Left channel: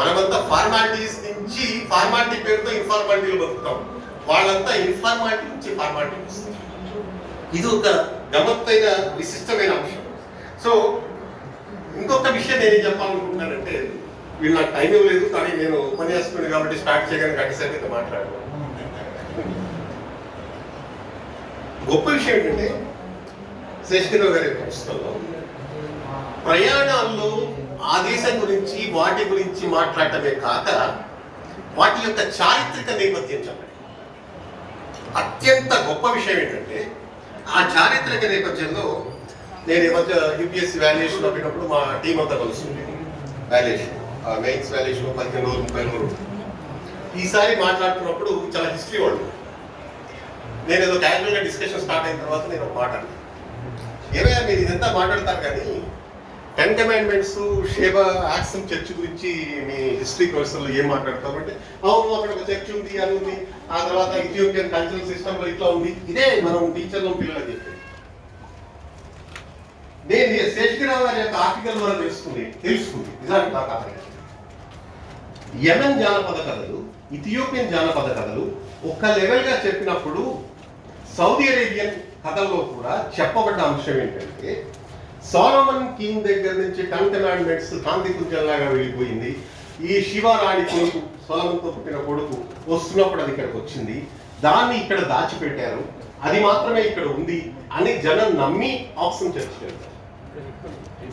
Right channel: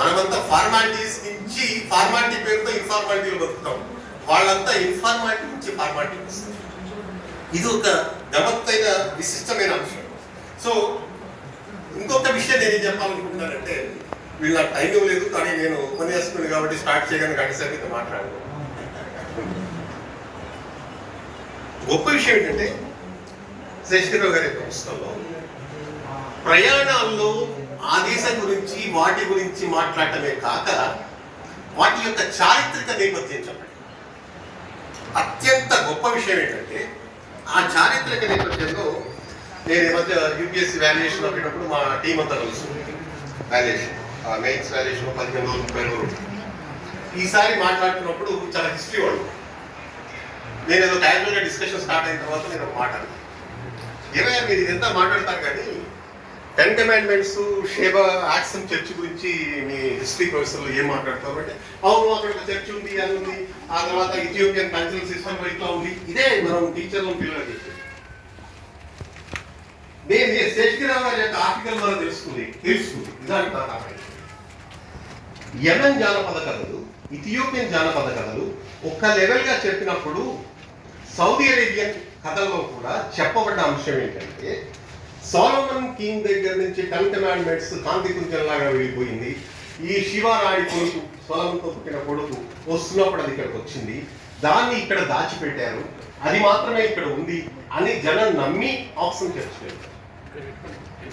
మనమంతా ఫార్మాలిటీస్ నుంచి ఫార్మాలిటీ పేరుతో ఇన్ఫార్మాలిటీలు బతుకుతాం. వాళ్ళంతా ఇన్ఫార్మాలిటీ నుంచి ఫార్మాలిటీ వస్తారు. ఇది ఒక గమ్మత్తైన విశిష్టమైన అంశం. సో ఇంకొక విషయం నేనేం చెప్పాలనుకుంటున్నానంటే, వీళ్ళు నాకు టైం ఇవ్వలేదు, కానీ నేను ఉపన్యాసకుడిని కాబట్టి స్టార్ట్ చేయగానే గంట సేపు అయితే మాట్లాడలేదు. గొప్ప విషయం ఏంటంటే, శేషగిరిరావు గారి యొక్క పుస్తకంలో ప్రయాణాల్లో ఆ దేశం గురించి వాటి గురించి మాట్లాడటమే కాక వాటి యొక్క చారిత్రక నేపథ్యం చెప్పండి. అత్యంత గొప్ప విషయం ఏంటంటే, ఆ చారిత్రక నేపథ్యంలో నేను ఈ మధ్య యూపీఎస్సీ వాల్యుయేషన్ అప్పటినప్పుడు మా టీం అంతా కలుస్తుంది. వాల్యుయేషన్ మెయిన్స్ వాల్యుయేషన్ 15 రోజులు 30 రోజులు. ఈసారి మాట్లాడుతున్నప్పుడు చాలా హిస్టరీ వాళ్ళు. నేను ఏదో క్యాజువల్గా డిస్కషన్ స్టార్ట్ అయిన తర్వాత నేను ఒక మాట ఏమైనా మీరు ఇదంతా మాట్లాడతారు, కానీ 10 కమాండ్మెంట్స్ షేబా యాక్సన్ చర్చ్ గురించి మీ హిస్టరీ ప్రొఫెసర్లు ఏం మాట్లాడతారు అంటే, అవును అక్కడ ఒక చర్చ్ ఉంది, అది ఉంది, ఆ తర్వాత ఇథియోపియన్ కల్చరల్ సిస్టమ్ ఇట్లా ఉంది. ఇదే మనం టీచర్లు పిల్లలకి చెప్పేది. నేను శేషగిరిరావు గారి యొక్క ఆర్టికల్ ద్వారా తెలుసుకుంది నిజానికి నా కారణం. యెమెన్ జానపద కథలు, ఇథియోపియన్ జానపద కథలు ఒక లెవెల్గా చెప్పినప్పుడు సౌదీ అరేబియన్ కథల్లో కూడా చెప్పబడ్డ అంశం ఏంటంటే, సోలమన్ కింగ్ దగ్గర నుంచి 10 కమాండ్మెంట్స్ కాంతి కుంజంలాగా వెళ్ళిపోయింది. ఈ శివరాణి కొడుకు, సోలమన్తో పుట్టిన కొడుకు వస్తున్నప్పుడు అది ఇక్కడికి వచ్చింది, దాన్ని ఇక్కడ దాచిపెట్టారు, అది మాత్రమే ఇక్కడ ఉంది అని జనం నమ్మి ఆప్షన్ చర్చకెళ్తారు.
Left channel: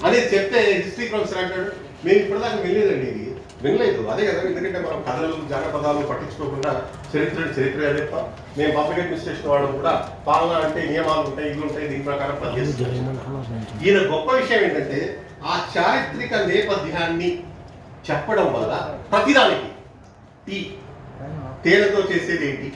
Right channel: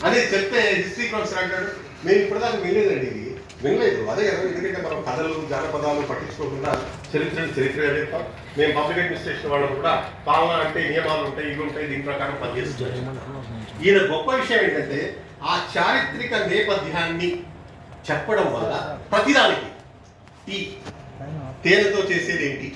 అదే చెప్తే హిస్టరీ ప్రొఫెసర్ అంటాడు, మేము ఇప్పటిదాకా వినలేదండి, ఇది వినలేదు. అదే కదా, ఎందుకంటే మనం కథలు జానపదాలు పట్టించుకోకుండా చరిత్రగా చెప్తాం. మేము పబ్లిక్ అడ్మినిస్ట్రేషన్ వాళ్ళు కూడా పాలన అంటే నియమాలు ఉంటాయి, ఇవి ఉంటాయి, దీని ప్రకారం పనిచేస్తాం. ఈయన గొప్ప విషయం ఏంటంటే, ఆ చారిత్రక నేపథ్యాన్ని చెప్పడం వల్ల ప్రతిదానికి తేనెతో చేసేది ఏంటి,